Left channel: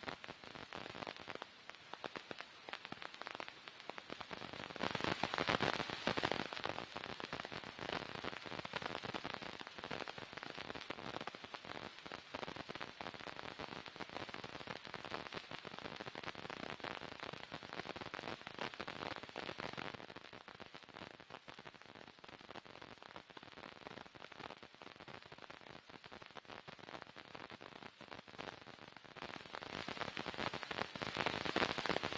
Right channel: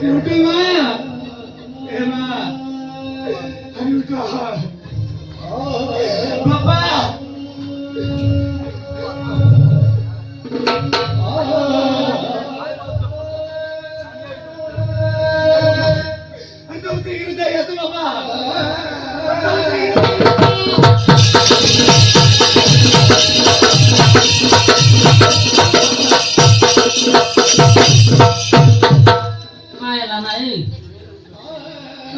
Udah mah, mah, aduh kak, bapak, aduh tinggi daya tuh bapak, Hai là này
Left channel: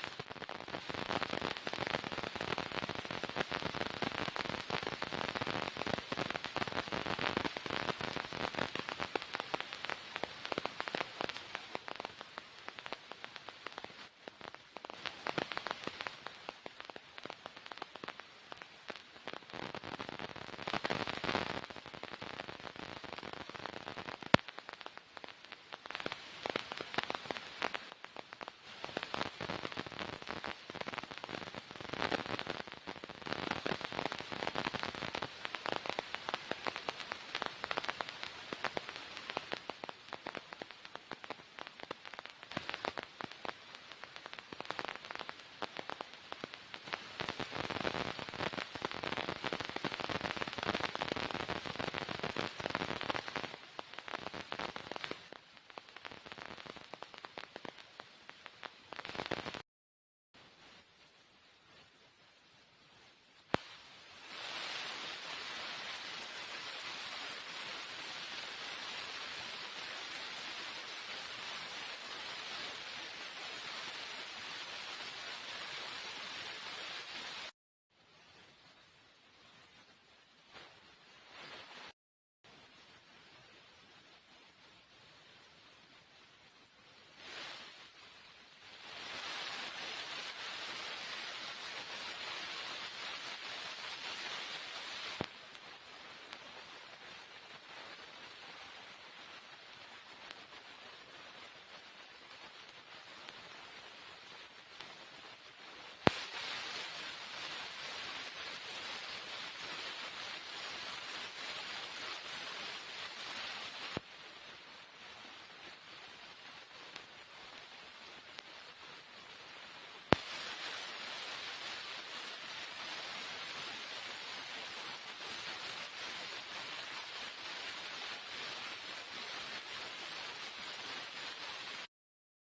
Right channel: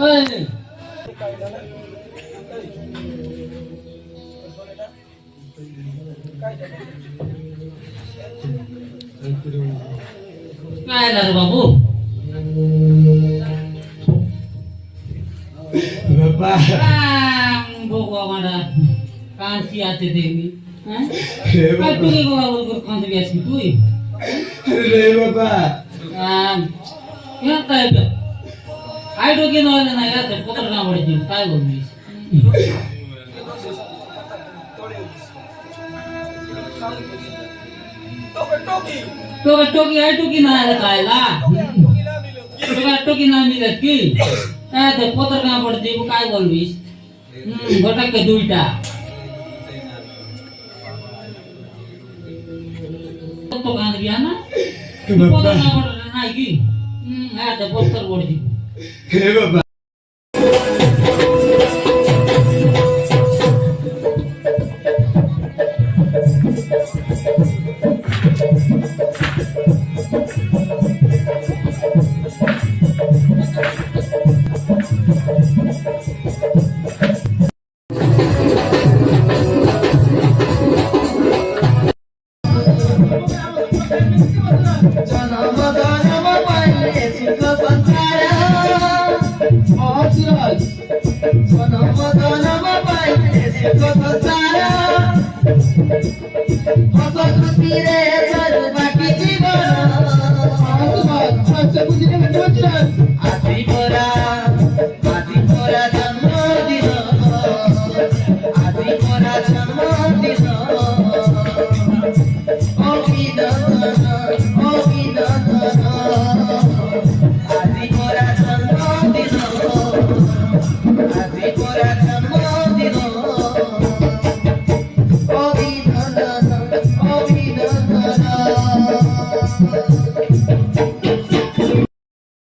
ơi Hai là babu bapak, Kang bawa mana kasih hati dewi Hai tuh nih kalau ukur kasih biasa gitu aduh bapak, ya kayak Hai dogi nolnya na ya terputar nggak boleh jadi kayak gini टोकी है टोकी ना है खायला टोकी ना मिलत की ते पोतर का पडते वो काय बोलवीस घटक के दुईटा तो कांद गया ना पोतर का पडते नाही की ते पोतर पडते हे बाबा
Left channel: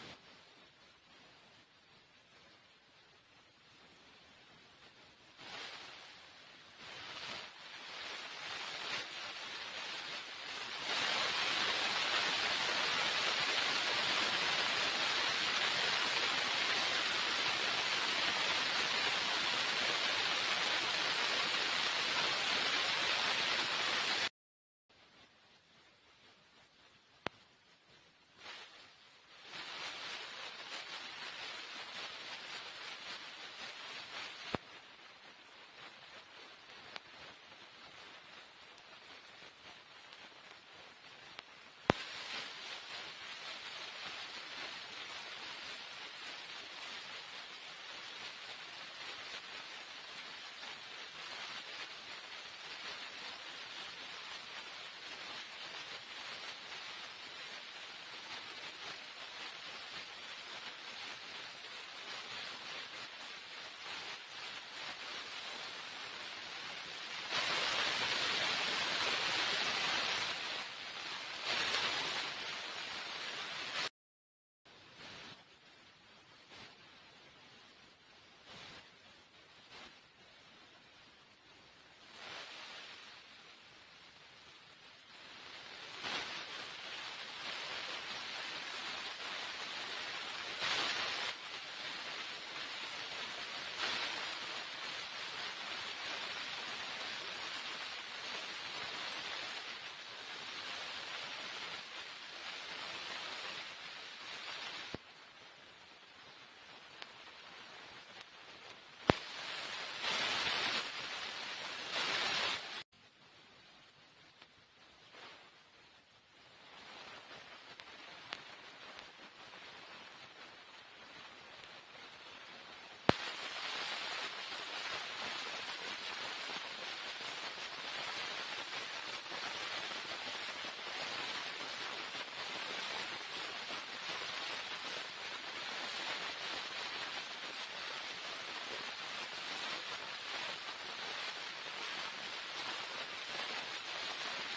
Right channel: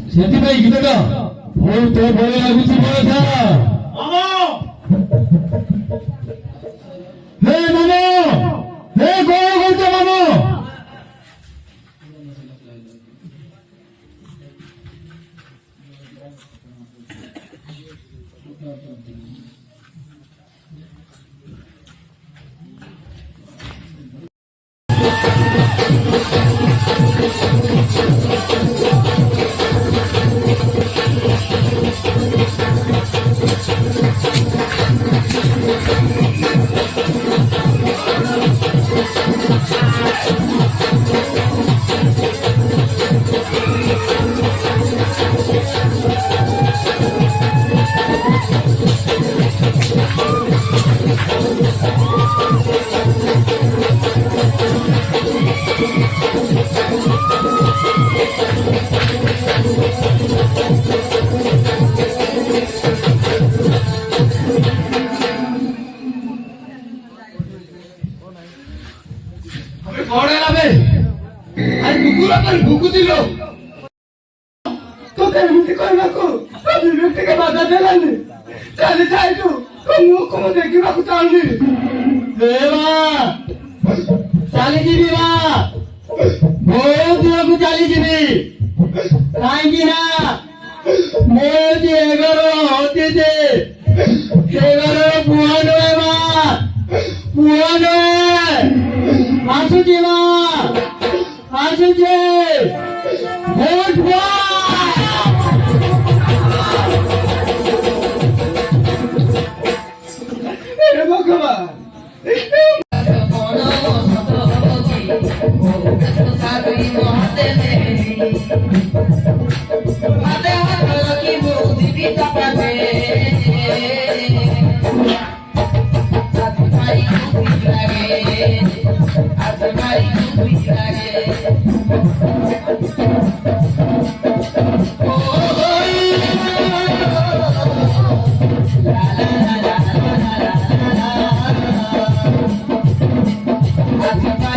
ସେଥିପାଇଁ ଗୀତଟା ବହୁତ ଭଲ ଲାଗୁଛି ବଳଥା ହେ ମାମା ହେ କଣ କରୁଛ ମାମା भूकू दिलो तो काय म्हणते काय नको कधी व्यक्ती का बाधा दिला नाही चाले जाय तू मुख मध्ये किंवा चालली देवा चाली जीवी वा बहुत लोग चाली जीवी काहेंगी ना मोदी एगारो होते थे एगारो पुहानो है मां पुहानो है आंसू जीवा आंसू जी बहुत